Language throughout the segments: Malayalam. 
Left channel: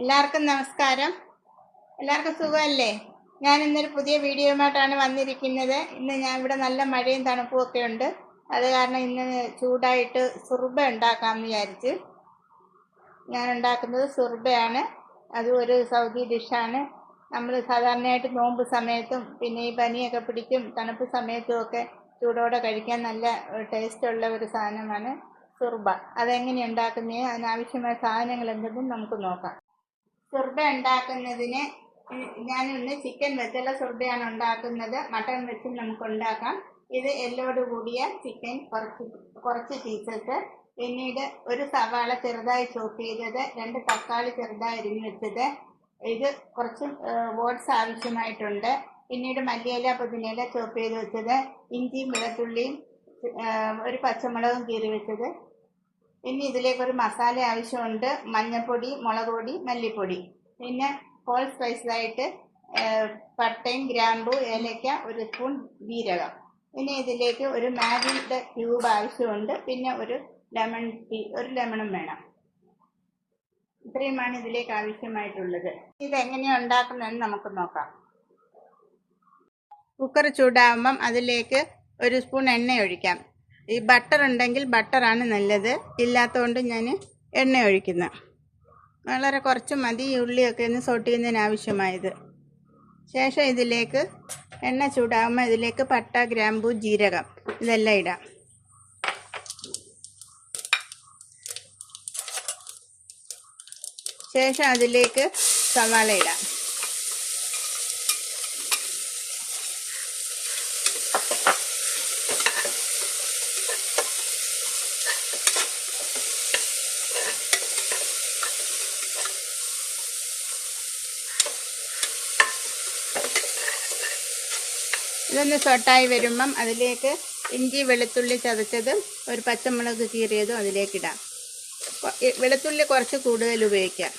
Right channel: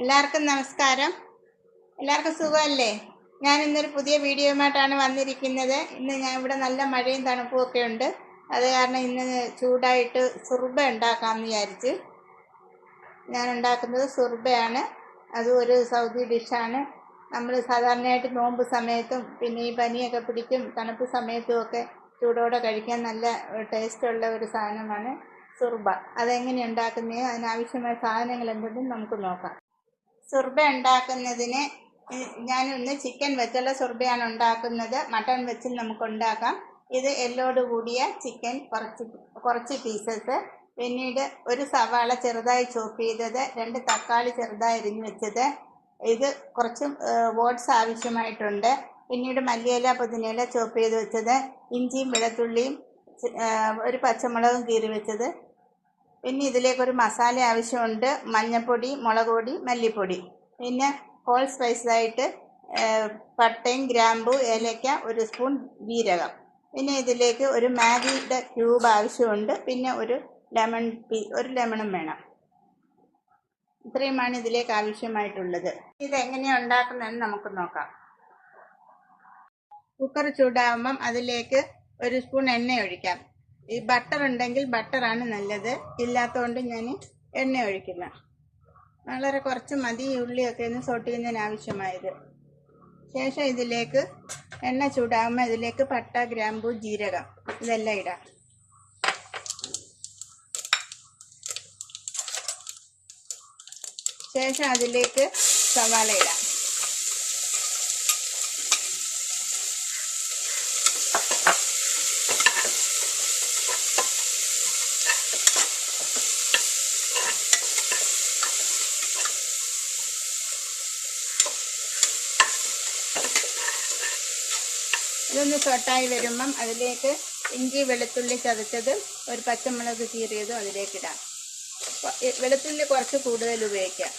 എല്ലാവർക്കും നമസ്കാരം. എല്ലാവർക്കും സുഖമല്ലേ? ഞാൻ ഇന്നൊരു പുതിയ വീഡിയോയുമായിട്ടാണ് വന്നിരിക്കുന്നത്. ഇന്ന് ഞാൻ ഇവിടെ നല്ല മഴയും തണുപ്പും ഒക്കെ ഉണ്ട്. അത് കാരണം ഇന്ന് ചൂടായിട്ട് സുർബ ഉണ്ടാക്കാമെന്ന് വിചാരിച്ച്. ഞാൻ ഉണ്ടാക്കുന്നത് സുർബയാണ്. അത് ഒരു സൗദി ഡിഷാണ്. നമ്മൾ സാധാരണയായിട്ട് നോമ്പ് സമയത്തും പിന്നെ ഈ പനിയൊക്കെ പിടിക്കും തണുപ്പ് സമയത്തും ഒക്കെ ചൂടോടെ കഴിക്കാൻ നല്ല ടേസ്റ്റുള്ള ഒരു സാധനമാണ് സുർബ. അതെങ്ങനെ ഉണ്ടാക്കുന്നത്, അതിനാവശ്യമായ സാധനങ്ങൾ എന്തെന്നും നമുക്ക് നോക്കാം. സുർബ ഉണ്ടാക്കുന്നതിന് ഞാൻ ഇന്ന് ചിക്കൻ വെച്ചുള്ള സുർബയാണ് ഉണ്ടാക്കുന്നത്. മട്ടൺ വെച്ച് നമുക്ക് ഉണ്ടാക്കാം. ഇത് എല്ലോട് കൂടിയ ചിക്കൻ കുറച്ച് പീസസ്, പിന്നീട് ഒരു സവാള ചെറുതായി ചോപ്പ് ചെയ്തത്, 2 തക്കാളി ചെറുതായി അരിഞ്ഞ് വെച്ചത്, ഇത് കുറച്ച് ഓട്സ് ആവശ്യമായിട്ടുണ്ട്. പിന്നീട് മല്ലിയില പുതിനയില ചോപ്പ് ചെയ്ത് വെച്ചത്, ഇഞ്ചിയും വെളുത്തുള്ളിയും ഒരു പച്ചമുളകും കീറി വെച്ചത്. പിന്നെ ഇതിലേക്കൊരു മസാല ആവശ്യമുണ്ട്. മഞ്ഞൾപ്പൊടി, മുളക് പൊടി, മല്ലിപ്പൊടി. പിന്നെ ഹോൾ സ്പൈസായിട്ട് പട്ടയും ഗ്രാമ്പു, ഏലക്ക, 1 സ്പൂൺ ജീരകം. പിന്നെ ഇതിലേക്ക് ഒരു മാഗിയുടെ ക്യൂബ് ആവശ്യമുണ്ട്. പിന്നെ ഒരു ലെമണും വേണം. ഇത്രയുമാണ് ഇതിലേക്ക് ആവശ്യമായിട്ടുള്ളത്. ഇതെങ്ങനെയാണ് ഉണ്ടാക്കുന്നതെന്ന് നമുക്ക് നോക്കാം. കുക്കർ ചൂടാകുമ്പം അതിലേക്ക് 1 സ്പൂൺ എണ്ണ ഒഴിക്കാം. ഈ ബട്ടർ ഉണ്ടെങ്കിൽ ബട്ടറാണ് നല്ലത്, ഇല്ലാത്തതുകൊണ്ട് ഞാൻ എണ്ണ ഒഴിക്കുന്നു. വളരെ കുറച്ച് മതി ഈ ഉള്ളിയൊക്കെ ഒന്ന് സോട്ട് ചെയ്യുന്നതിന് ആവശ്യമായത്. ശേഷം ഇതിലേക്ക് എണ്ണ ചൂടാകുമ്പോൾ ഇതിലേക്ക് പട്ട, ഗ്രാമ്പു, ജീരകം ഇതെല്ലാം ഇടാം. ശേഷം അതിലേക്ക് സവാള ഇടാം. ഇതൊന്ന് സോട്ടായി വരുമ്പം അതിലേക്ക് ഇഞ്ചി വെളുത്തുള്ളി ചതച്ചതും ഒരു പച്ചമുളക് കീറിയതും അതിലേക്കിടാം. വെളുത്തുള്ളി കുറച്ച് കൂടുതൽ ഉപയോഗിക്കാം.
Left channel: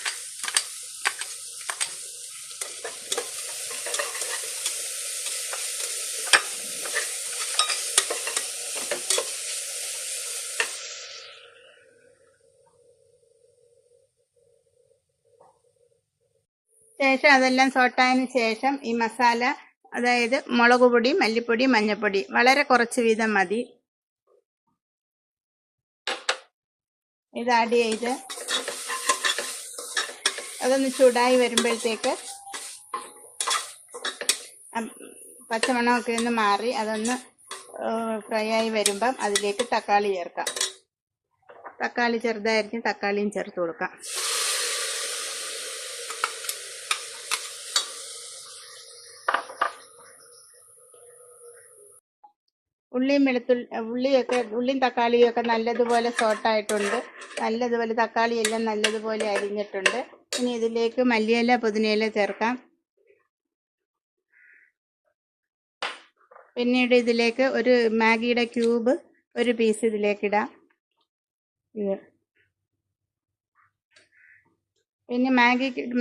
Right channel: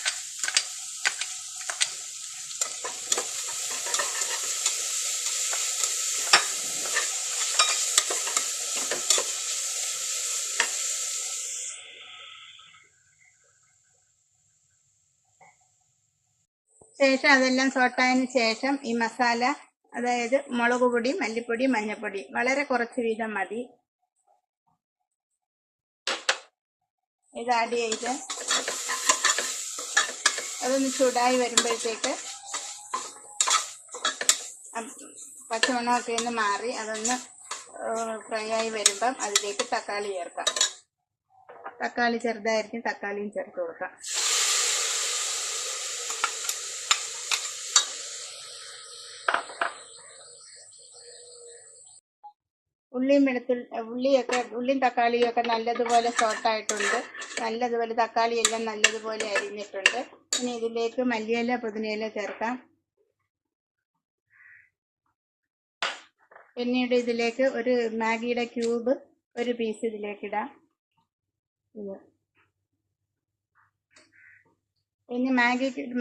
ശേഷം അതെല്ലാം സോട്ടായതിന് ശേഷം ഈ മസാല, അതായത് മുളക് പൊടി, മല്ലിപ്പൊടി, മഞ്ഞൾപ്പൊടി വളരെ കുറച്ച് വീതം മതി, ഇത് ആഡ് ചെയ്ത് അതൊന്ന് ചൂടായി വരുമ്പോഴത്തേക്ക് പച്ചമണമൊക്കെ ഒന്ന് മാറി അതൊന്ന് ഫ്രൈ ആയി വരുമ്പം അതിലേക്ക് തക്കാളി ചേർക്കാം. തക്കാളി ചെറുതായിരിക്കും, തക്കാളിയും ചേർത്ത് കൊടുക്കാം. ഉള്ളിയും തക്കാളിയും ഒക്കെ നല്ലതുപോലെ സോട്ടായിട്ടുണ്ട്. നല്ലതുപോലെ തക്കാളിയെല്ലാം നല്ലതുപോലെ അരിഞ്ഞിട്ടുണ്ട്. ഇനി ഇതിലേക്ക് മല്ലിയില പുതിനയില ചേർക്കാം. പിന്നീട് ഇതിലേക്ക് ഒരു മാഗിയുടെ ക്യൂബ് 1 പീസ് ഇതിലേക്കിടാം. പിന്നെ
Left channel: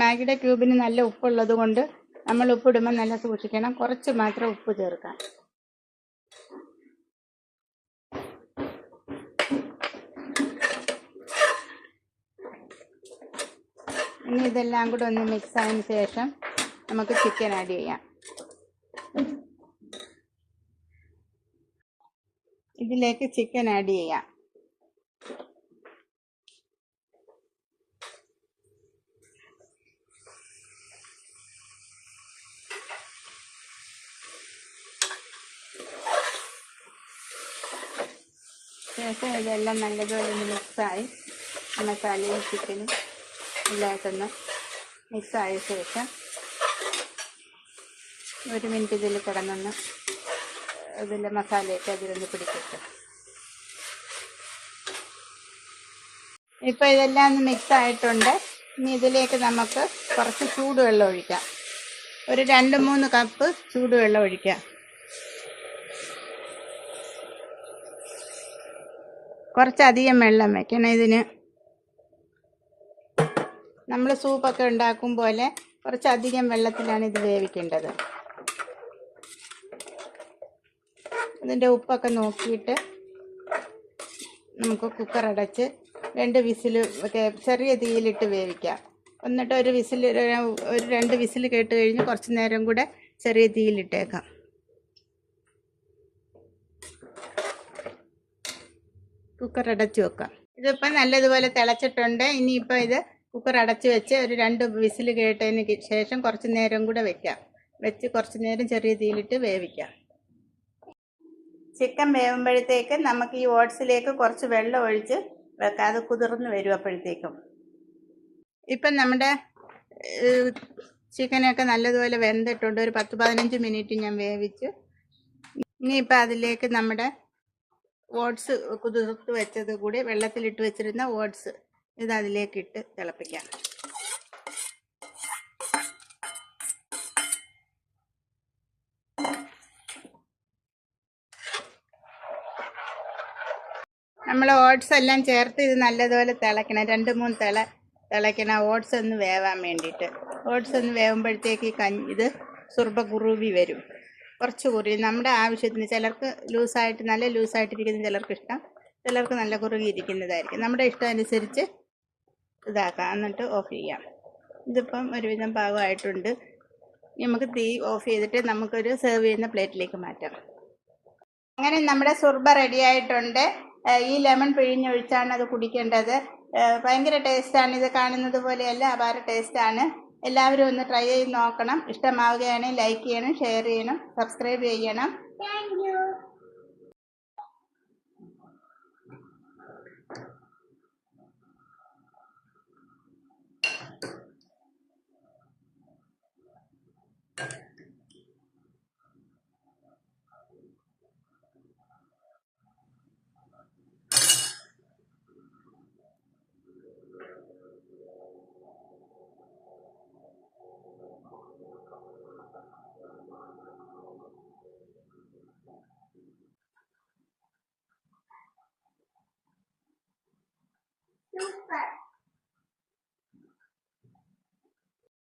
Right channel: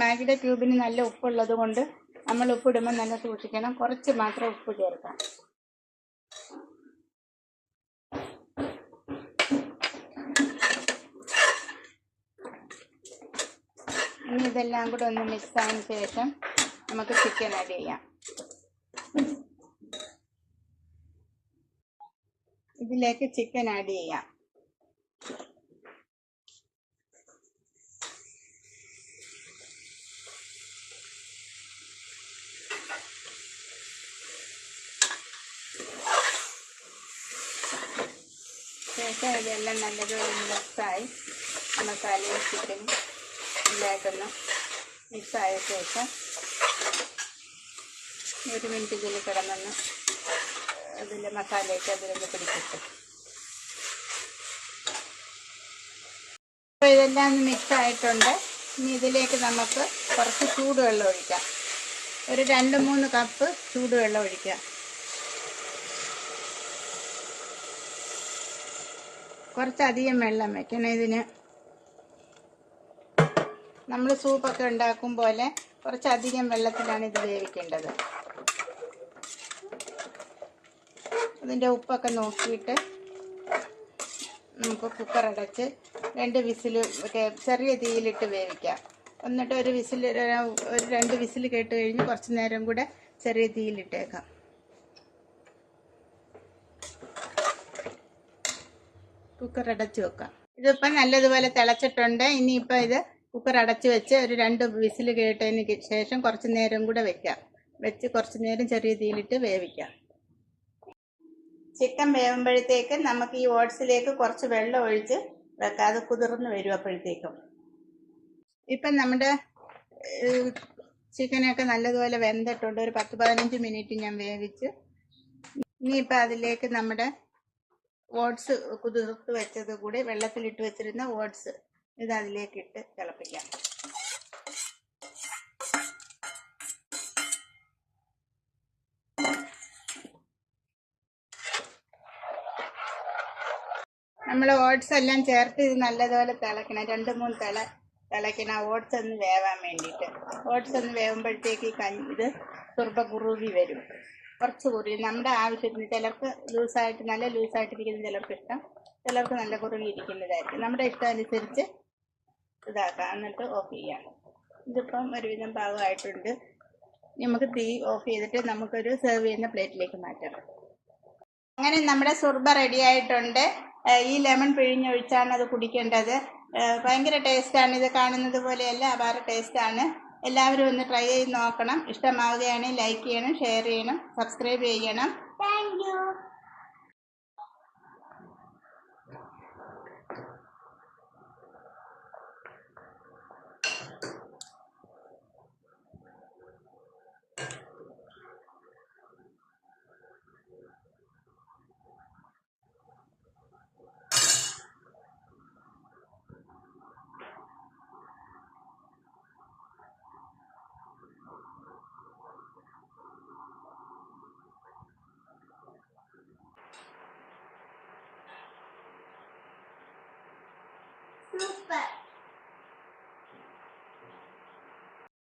മാഗിയുടെ ക്യൂബിന് നല്ല ഉപ്പുള്ളത് കൊണ്ട് നമ്മൾ ഉപ്പിടുമ്പോൾ നല്ല സൂക്ഷിക്കണം. കുറച്ച് മാത്രം ഉപ്പ് ചേർക്കാം. ഇനി ഇതെല്ലാം കൂടെ ഒന്ന് മിക്സ് ആയതിന് ശേഷം നമുക്ക് ചിക്കൻ ആഡ് ചെയ്യാം. ഇതിലേക്ക് ചിക്കൻ ആഡ് ചെയ്യാം. ശേഷം ഇതെല്ലാം നല്ലതുപോലെ മിക്സായി മസാലയും ചിക്കനും എല്ലായിട്ടൊന്ന് മിക്സായ ശേഷം 1 മിനിറ്റ് ഇതിൽ കിടന്നൊന്ന് ഇതിൻ്റെ മസാലയൊക്കെ അതിലൊന്ന് പിടിക്കട്ടെ. ഇപ്പോൾ ഇതെല്ലാം ഒന്ന് മിക്സ് ആയിട്ടുണ്ട്. ഇനി ഇതിലേക്ക് നമുക്ക് കുറച്ച് ചൂടുവെള്ളം ഒഴിക്കാം. ഒരു 2-3 കപ്പ് ചൂടുവെള്ളം ഒഴിക്കാം. കുറച്ചധികം വെള്ളം വയ്ക്കണം ഇതിന്. നമ്മൾ സൂപ്പൊക്കെ ഉണ്ടാക്കും പോലെ കുറച്ചധികം വെള്ളത്തിലാണ് ഇത് വേവിക്കേണ്ടത്. ഇതിൻ്റെ ഉപ്പൊക്കെ നോക്കിയിട്ട് നമുക്ക് കുക്കർ അടച്ച് 2 വിസിൽ ഒക്കെ ചെറിയ തീയിലിട്ട് വേവിക്കാം. എന്നിട്ട് ഒരു വിസിൽ, ഒരു 2 വിസിൽ കേട്ട് കഴിഞ്ഞ് കുറച്ച് നേരം കൂടെ ചെറിയ തീയിലിട്ടേക്കാം. കുക്കർ അടച്ചു വെക്കാം. ഇതിപ്പോൾ നല്ലതുപോലെ തിളച്ചിട്ടുണ്ട്. ഇനിയിപ്പോൾ ഇത് കുക്കർ അടച്ചു വെച്ച് ഒരു 2 വിസിൽ കേട്ടതിന് ശേഷം കുറച്ച് നേരം കൂടെ വെച്ച് കുറച്ച് നേരം ചെറിയ തീയിലിട്ട് വേവിക്കാം. ചിക്കൻ വേവുമ്പോഴത്തേക്ക് നമുക്ക് ഈ ഓട്സിലേക്ക് കുറച്ച് വെള്ളം ഒഴിച്ച് വെക്കാം. അത് കുതിർന്ന് വരും അപ്പോഴത്തേക്കും. ഇപ്പം നമ്മുടെ ചിക്കനൊക്കെ നല്ലതുപോലെ വെന്തിട്ടുണ്ട്. ഒരു 10-15 മിനിറ്റ് ഞാൻ വേവിച്ച്. ഇനിയിപ്പോൾ അതിലേക്ക് നമ്മുടെ ഓട്സ് കുതിർത്ത് വെച്ചത് കൂടി, വെള്ളത്തിലിട്ട് വെച്ചിരുന്ന ഓട്സ് ഇത് അതിലേക്ക് ഇട്ട് തിളപ്പിക്കാം. നമ്മൾ ഓട്സ് എല്ലാം ചേർത്ത് ഇത് നല്ലതുപോലെ തിളയ്ക്കണം. 2-3 തിളയ്ക്കണം ഓട്സ് ഒന്ന് വേവാൻ വേണ്ടിയിട്ട്. ഓട്സ് ഒന്ന് വേവുമ്പോഴത്തേക്ക് ഇത് സുർബ കുറുവി വരും. കുറച്ച് കുറുവി നമ്മുടെ ആവശ്യത്തിന്. ചിലർക്ക് ലൂസായിട്ട്, നല്ല ലൂസായിട്ടിരിക്കുന്ന ചിലർക്ക് ഇഷ്ടം, ചിലർക്ക് നല്ല കുറുകി ഇരിക്കുന്നതായിരിക്കും. നമ്മുടെ ഇഷ്ടം അനുസരിച്ച് ഇതാക്കാം. എന്നിട്ട് ഓഫ് ചെയ്യാം. ഇതിപ്പം ഒരുവിധം പാകമായിട്ടുണ്ട്. നമുക്ക് തീ ഓഫ് ചെയ്തിട്ട് നമുക്കൊരു സെർവ് ചെയ്യുന്ന പ്ലേറ്റിലേക്ക് മാറ്റാം. അങ്ങനെ നമ്മുടെ സുർബ റെഡി ആയിട്ടുണ്ട്. ഈ ലെമൺ പിഴിഞ്ഞൊഴിച്ചാണ് അത് കുടിക്കേണ്ടത്. ഭയങ്കര ടേസ്റ്റാണ്. ഇത് കാണുന്നത് പോലെയല്ല, അപാര ടേസ്റ്റാണ്. എല്ലാവരും ഒന്ന് ട്രൈ ചെയ്ത് നോക്കണം. ഇഷ്ടമാവുകയാണെങ്കിൽ ലൈക്ക് ചെയ്യണം, ഷെയർ ചെയ്യണം, സബ്സ്ക്രൈബ് ചെയ്യണം. Thank you. Super.